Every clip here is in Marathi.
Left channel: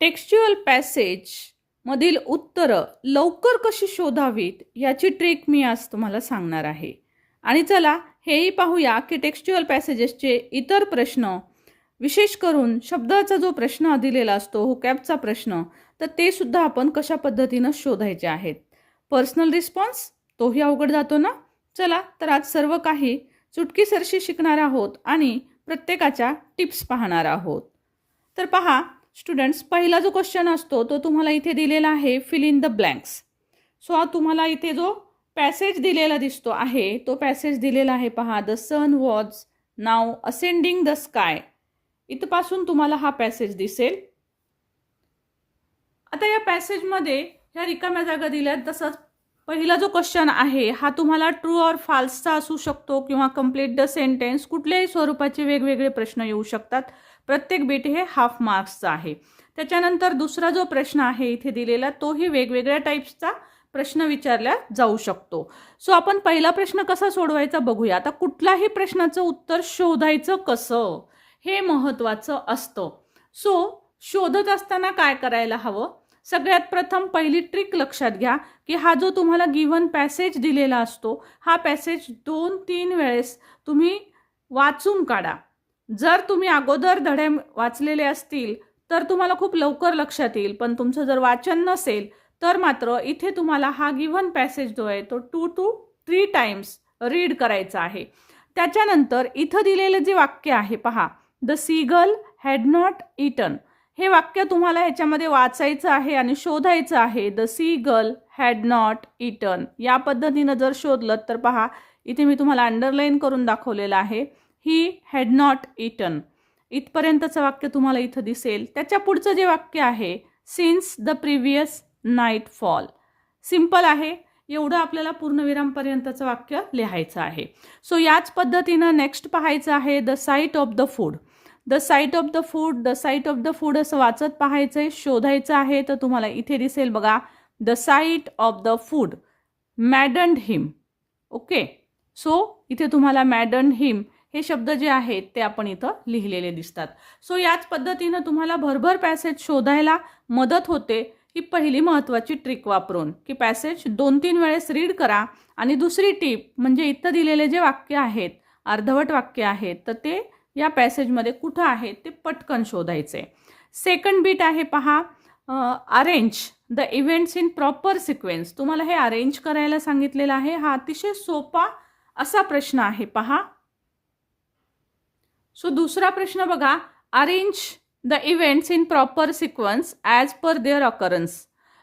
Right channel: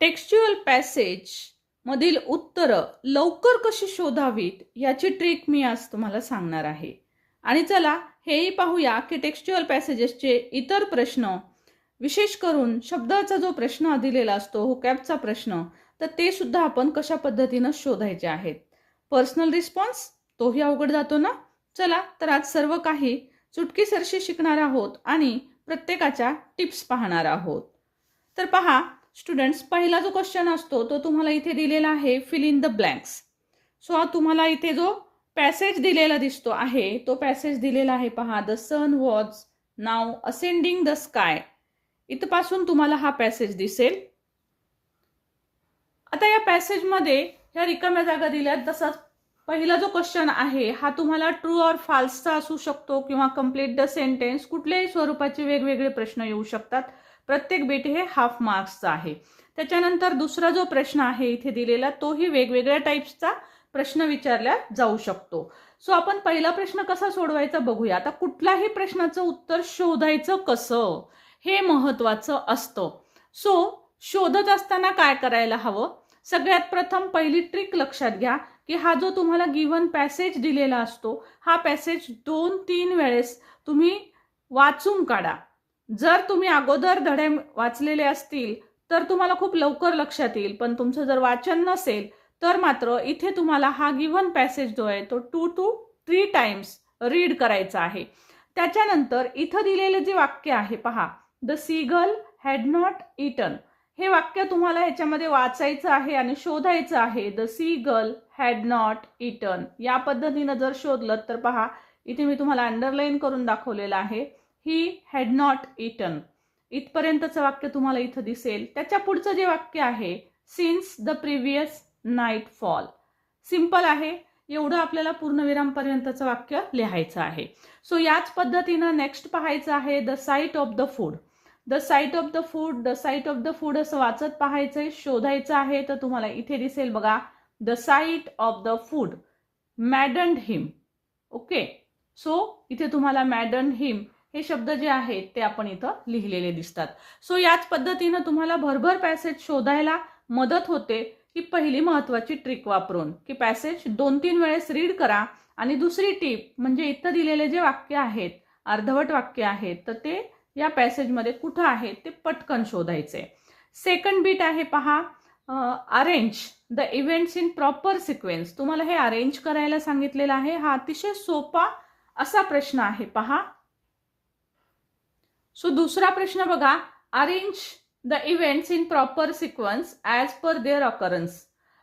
टेक्स्च्युअल पॅसेज मधील उत्तरं लवकर कशी शोधावीत याची ट्रिक मी आज तुम्हाला सांगणार आहे. आणि चला हेही पाहूया की टेक्स्च्युअल पॅसेजेसचे इतर प्रश्न, विशेष करून शब्दाचा जो प्रश्न दिलेला असतो, व्होकॅबचा प्रश्न, तर ते सुद्धा आपण कशा पद्धतीनं शोधायचे आहेत. पर्सनल रिस्पॉन्स तोही अवघड जातो ना. चला तर आज सर्व काही चुटकीसरशी शिकणार आहोत आणि प्रत्येकाच्या टिप्स पाहणार आहोत. तर पहा स्टुडंट्स, पहिला जो क्वेश्चन असतो तो तुम्हाला इथे दिलेला आहे, fill in the blanks. So तुम्हाला इथे जो पॅसेज दिलेला दिसतो आहे तो पॅसेज दिलेला आहे पहा, the sun was now ascending the sky. इथपासून तुम्हाला हा पॅसेज दिसेल. आता या पॅसेजमध्ये ह्या रिकाम्या जागा दिल्यात. तसंच पहिला जो क्वेश्चन आहे हा तुम्हाला ट्रू ऑर फाल्सचा असू शकतो किंवा कम्प्लीट द सेंटेन्स, कुठल्याही स्वरूपाचे वेगवेगळे प्रश्न येऊ शकतात. प्रत्येक बीट हे हाफ मार्क्सचा आहे. त्याच्यानंतर दुसरा जो प्रश्न आहे इथे दिलेला तोही वेगवेगळ्या टाईप्सचा प्रश्न विचारला जाऊ शकतो. सो आपण पहिला प्रश्न कसा सोडवायचा बघूया. आता कुठल्याही प्रश्नाचं उत्तर शोधायचं कसं हे महत्त्वाचं असतं. सो शोधत असताना काय करायला हवं, सगळ्यात प्रथम पहिली ट्रिक लक्षात घ्या की हा जो तुम्हाला गिव्हन पॅसेज दिलेला असतो हा पॅसेज 2-3 वेळेस तुम्ही वाचून काढा. जर तुम्ही अगोदर धडे वाचलेले असतील तर तुम्हाला खूप लवकर लक्षात येईल, पण तुमचं जर वाचन नसेल तर मात्र इथे तुम्हाला हा गिव्हन पॅसेज जो आहे तो 2 to 3 टाइम्स रीड करायचा आहे. त्याच्यानंतर इथं दिलेलं जे वाक्य आहे पहा, the seagull had not eaten, हे वाक्य तुम्हाला ह्याच्यामध्ये वाचायचं आहे आणि शोधायचं आहे. The seagull had not eaten या पद्धतीनं जर शोधलं तर पहा इथे मी तुम्हाला अंडरलाईन करून दाखवलेलं आहे, ही हॅड नॉट इटन. इथपर्यंतचं वाक्य तुम्हाला इथं दिसेल. त्याच्या पुढचं जे वाक्य आहे, since the previous night fall. Simple आहे, एवढं आपल्याला पूर्णविरामपर्यंतचं वाक्य लिहायचं आहे. सो याच पद्धतीनं नेक्स्ट पाहायचं आहे, the sight of the food. The sight of the food, the sight of the food असं वाचत पाहायचंय, शोधायचं आहे. तर तुम्हाला इथे दिसेल बघा, the sight of the food maddened him. Okay, so इथे तुम्हाला मॅडन्ड हिम हे शब्द जे आहेत ते आपण इथं लिहिलेले दिसतात. सो याच पद्धतीनं तुम्हाला भरभर पॅसेज शोधायला मदत होते. ही पहिली महत्त्वाची ट्रिक वापरून की पॅसेज 2-3 वेळेस रीड करा. आणि दुसरी टिप म्हणजे इथं दिलेले जे वाक्य आहेत, अर्धवट वाक्य आहेत, तर ते या पॅसेजमध्ये कुठं आहेत ते पटकन शोधायचे. सेकंड बीट आहे पहा, arrange the events in proper sequence. तुम्हाला हे अरेंज करायला सांगितलेलं आहे. हा अतिशय सोपा असा प्रश्न आहे पहा. सो दुसरा प्रश्न बघा, arrange the events in proper sequence as per their occurrence.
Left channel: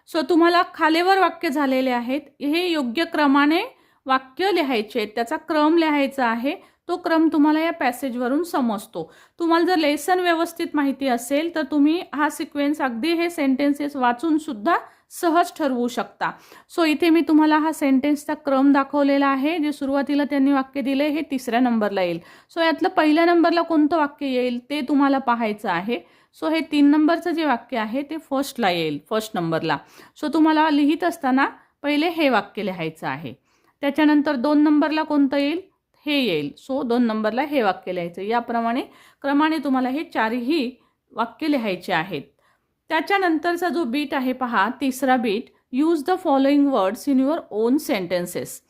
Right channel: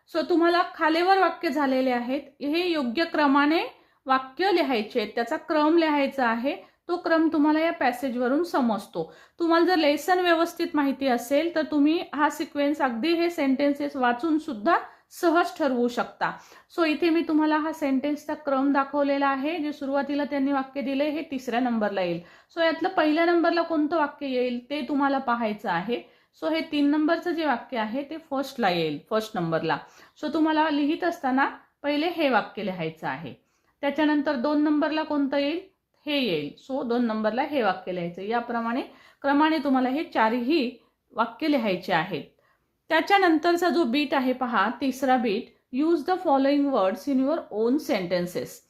So तुम्हाला खालीवर वाक्य झालेले आहेत, हे योग्य क्रमाने वाक्य लिहायचे आहेत, त्याचा क्रम लिहायचा आहे. तो क्रम तुम्हाला या पॅसेजवरून समजतो. तुम्हाला जर लेसन व्यवस्थित माहिती असेल तर तुम्ही हा सिक्वेन्स अगदी हे सेंटेन्सेस वाचून सुद्धा सहज ठरवू शकता. सो इथे मी तुम्हाला हा सेंटेन्सचा क्रम दाखवलेला आहे. जे सुरुवातीला त्यांनी वाक्य दिले हे 3ऱ्या नंबरला येईल. सो यातलं पहिल्या नंबरला कोणतं वाक्य येईल ते तुम्हाला पाहायचं आहे. सो हे 3 नंबरचं जे वाक्य आहे ते फर्स्टला येईल, फर्स्ट नंबरला. सो तुम्हाला लिहित असताना पहिले हे वाक्य लिहायचं आहे. त्याच्यानंतर 2 नंबरला कोणतं येईल, हे येईल. सो 2 नंबरला हे वाक्य लिहायचं. याप्रमाणे क्रमाने तुम्हाला हे 4ही वाक्य लिहायचे आहेत. त्याच्यानंतरचा जो बीट आहे पहा, तिसरा bit, use the following words in your own sentences.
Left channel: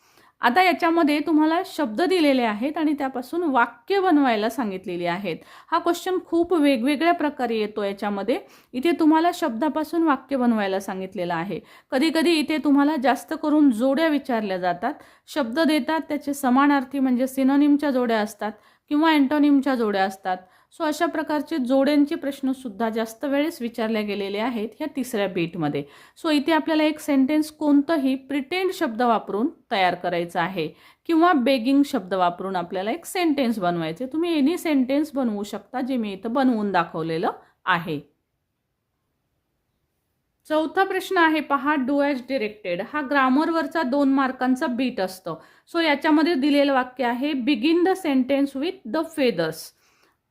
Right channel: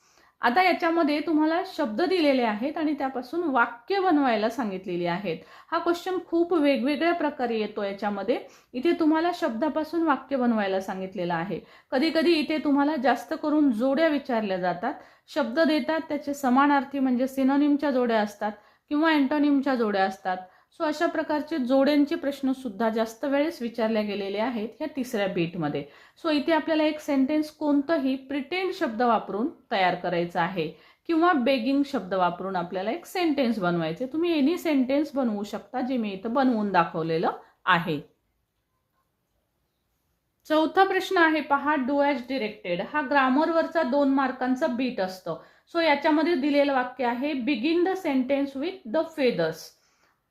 आता याच्यामध्ये तुम्हाला शब्द दिलेले आहेत आणि त्यापासून वाक्य बनवायला सांगितलेली आहेत. हा क्वेश्चन खूप वेगवेगळ्या प्रकारे येतो याच्यामध्ये. इथे तुम्हाला शब्दापासून वाक्य बनवायला सांगितलेलं आहे. कधी कधी इथे तुम्हाला जास्त करून जोड्या विचारल्या जातात. शब्द देतात, त्याचे समानार्थी म्हणजे सिनोनिमच्या जोड्या असतात किंवा अँटोनिमच्या जोड्या असतात. सो अशा प्रकारचे जोड्यांचे प्रश्न सुद्धा जास्त वेळेस विचारले गेलेले आहेत ह्या तिसऱ्या बीटमध्ये. सो इथे आपल्याला एक सेंटेन्स कोणतंही प्रिटेंड शब्द वापरून तयार करायचा आहे किंवा बेगिंग शब्द वापरून आपल्याला एक सेंटेन्स बनवायचे. तुम्ही एनी सेंटेन्स बनवू शकता, जे मी इथं बनवून दाखवलेलं आहे. चौथा प्रश्न आहे पहा, डू ॲज डिरेक्टेड. हा ग्रामरवरचा 2 मार्कांचा बीट असतो. सो याच्यामध्ये दिलेलं वाक्य आहे, begin the sentence with the feathers.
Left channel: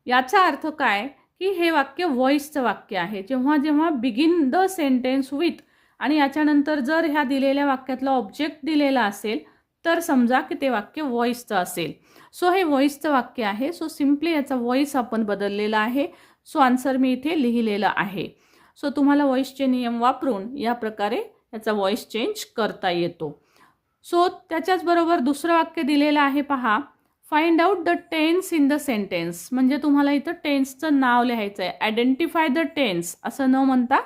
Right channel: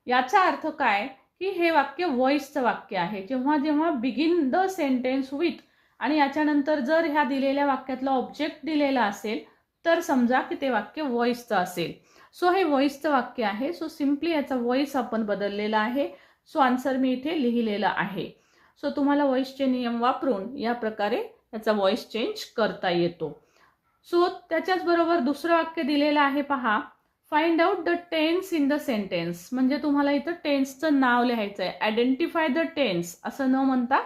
याचा अर्थ काय की हे वाक्य व्हॉइसचं वाक्य आहे. जेव्हा जेव्हा बिगिन द सेंटेन्स विथ आणि याच्यानंतर जर ह्या दिलेल्या वाक्यातला ऑब्जेक्ट दिलेला असेल तर समजा की ते वाक्य व्हॉइसचं असेल. सो हे व्हॉइसचं वाक्य आहे. सो सिम्पली याचा व्हॉइस आपण बदललेला आहे. सो आन्सर मी इथे लिहिलेला आहे. सो तुम्हाला व्हॉइसचे नियम वापरून या प्रकारे याचा व्हॉइस चेंज करता येतो. सो त्याच्याच बरोबर दुसरं वाक्य दिलेलं आहे पहा, find out the tense in the sentence. म्हणजे तुम्हाला इथं टेन्सचं नाव लिहायचं आहे. आयडेंटिफाय द टेन्स असं न म्हणता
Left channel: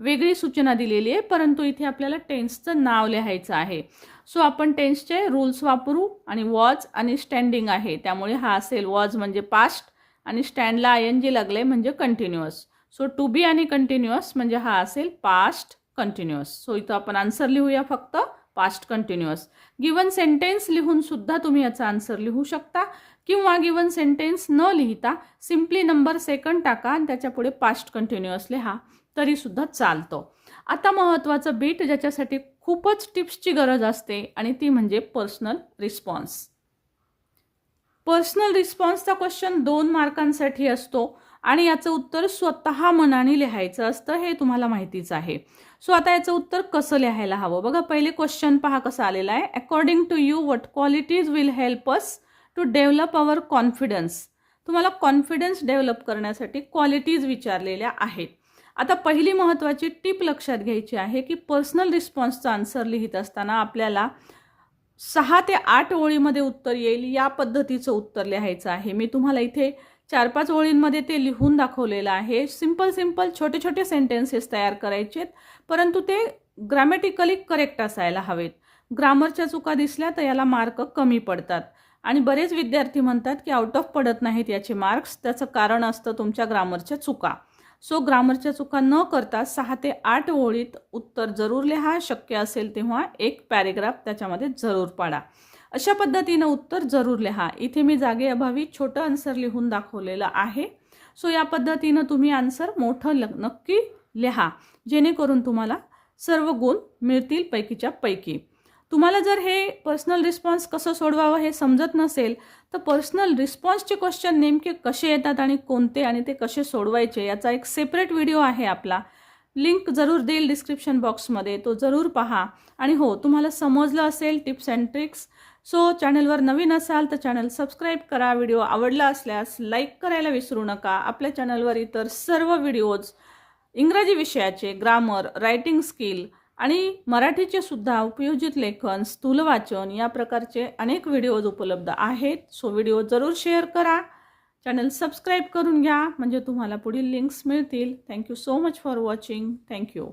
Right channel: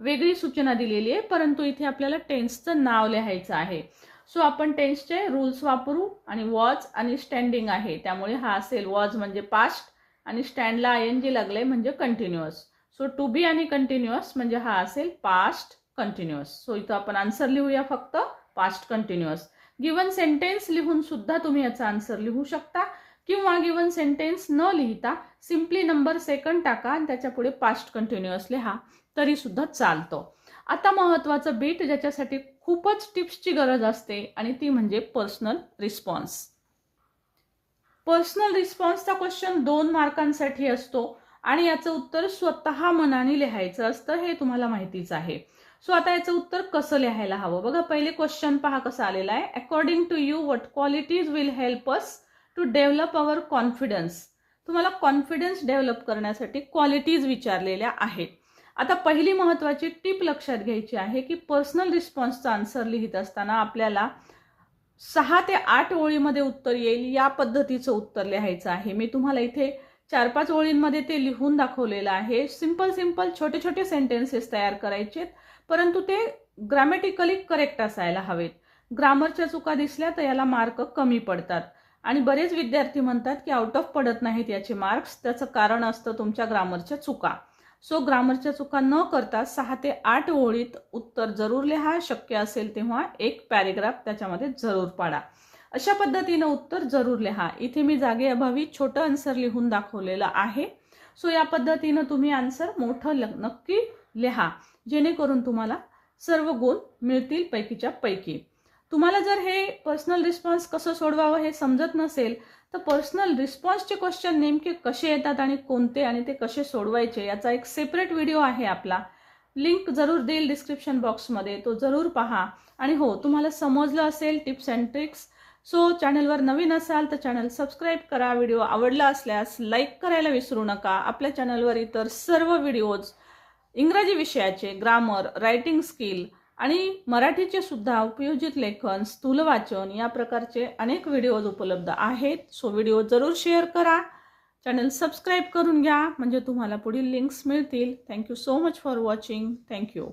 वेगळी सूचना दिलेली आहे, परंतु इथे आपल्याला टेन्सचं नाव लिहायचं आहे. सो आपण टेन्सचे रूल्स वापरू आणि वॉज आणि स्टँडिंग आहे, त्यामुळे हा असेल वॉज म्हणजे पास्ट आणि स्टँडला ING लागले म्हणजे कंटिन्युअस. सो टू बी आणि कंटिन्युअस म्हणजे हा असेल पास्ट कंटिन्युअस. सो इथं आपण आन्सर लिहूया फक्त पास्ट कंटिन्युअस. गिवन सेंटेन्स लिहून सुद्धा तुम्ही याचा आन्सर लिहू शकता, किंवा गिवन सेंटेन्स न लिहिता सिम्पली नंबर सेकंड टाका आणि त्याच्या पुढे पास्ट कंटिन्युअस लिहा तरी सुद्धा चालतं. आता महत्त्वाचं बीट ज्याच्यासाठी खूपच टिप्सची गरज असते आणि ती म्हणजे पर्सनल रिस्पॉन्स. पर्सनल रिस्पॉन्सचा क्वेश्चन 2 मार्कांसाठी असतो आणि याचं उत्तर स्वतः मनाने लिहायचं असतं, हे तुम्हाला माहितीच आहे. सो आता याचं उत्तर कसं लिहायला हवं बघा. पहिले क्वेश्चन पहा कसा आलेला आहे. According to you what qualities will help us to develop our confidence. तुम्हाला कॉन्फिडन्स डेव्हलप करण्यासाठी क्वालिटीज विचारलेल्या आहेत. आता पहिली महत्त्वाची टिप लक्षात घ्यायची आहे की पर्सनल रिस्पॉन्सचा आन्सर लिहित असताना आपल्याला 6 ते 8 ओळीमध्ये उत्तर येईल या पद्धतीचं उत्तर लिहायचं आहे. मी तुम्हाला इथे 4-5 ओळींमध्ये ते लिहून दाखवलेलं आहे. सिंपल छोटे छोटे सेंटेन्सेस तयार करायचे, परंतु ते ग्रामॅटिकली करेक्ट असायला हवेत. ग्रामरच्या चुका दिसल्या तर याला मार्क कमी पडतात आणि बरेच विद्यार्थी म्हणतात की आउट ऑफ पडत नाहीत याचे मार्क्स. त्याचं कारण असतं तुमच्या ग्रामरच्या चुका. सो ग्रामरच्या चुका न करता 6 ते 8 ओळीत उत्तर जरूर लिहा. शक्य असेल तेव्हा एक पॅरेग्राफ त्याच्यामध्ये जरूर पाडा. अशा पद्धतीनं उत्तर जरूर लिहा. इथे मी जागेअभावी छोटं आन्सर लिहून दाखवलेलं आहे. सो या पद्धतीनं तुम्ही आन्सर मोठं नक्की लिहा, जेणेकरून तुम्हाला सर्व गुण मिळतील पैकीच्या पैकी. तुम्हाला जर हे पर्सनल रिस्पॉन्स कसं सोडवावं हे समजत नसेल तर पर्सनल रिस्पॉन्सचे क्वेश्चन नेमके कसे येतात आणि कोणते आणि ते कसे सोडवायचे याचा एक सेपरेट व्हिडिओ आहे आपला. लिंक जरूर देईल डिस्क्रिप्शन बॉक्समध्ये, तो जरूर पहा. आणि हो, तुम्हाला समजलं असेल टिप्स अँड ट्रिक्स. सो चॅनलवर नवीन असाल तर चॅनल सबस्क्राईब करा. व्हिडिओ आवडला असल्यास लाईक करायला विसरू नका. आपल्या चॅनलवर इतर सर्व व्हिडिओज इंग्रजी विषयाचे, ग्रामर, रायटिंग स्किल आणि मराठीचे सुद्धा उपयोजित लेखन, स्थूल वाचन या प्रकारचे अनेक व्हिडिओज उपलब्ध आहेत. सो व्हिडिओ जरूर शेअर करा. चॅनल सबस्क्राईब करून घ्या म्हणजे तुम्हाला पुढील लिंक्स मिळतील. Thank you so much for watching. Thank you.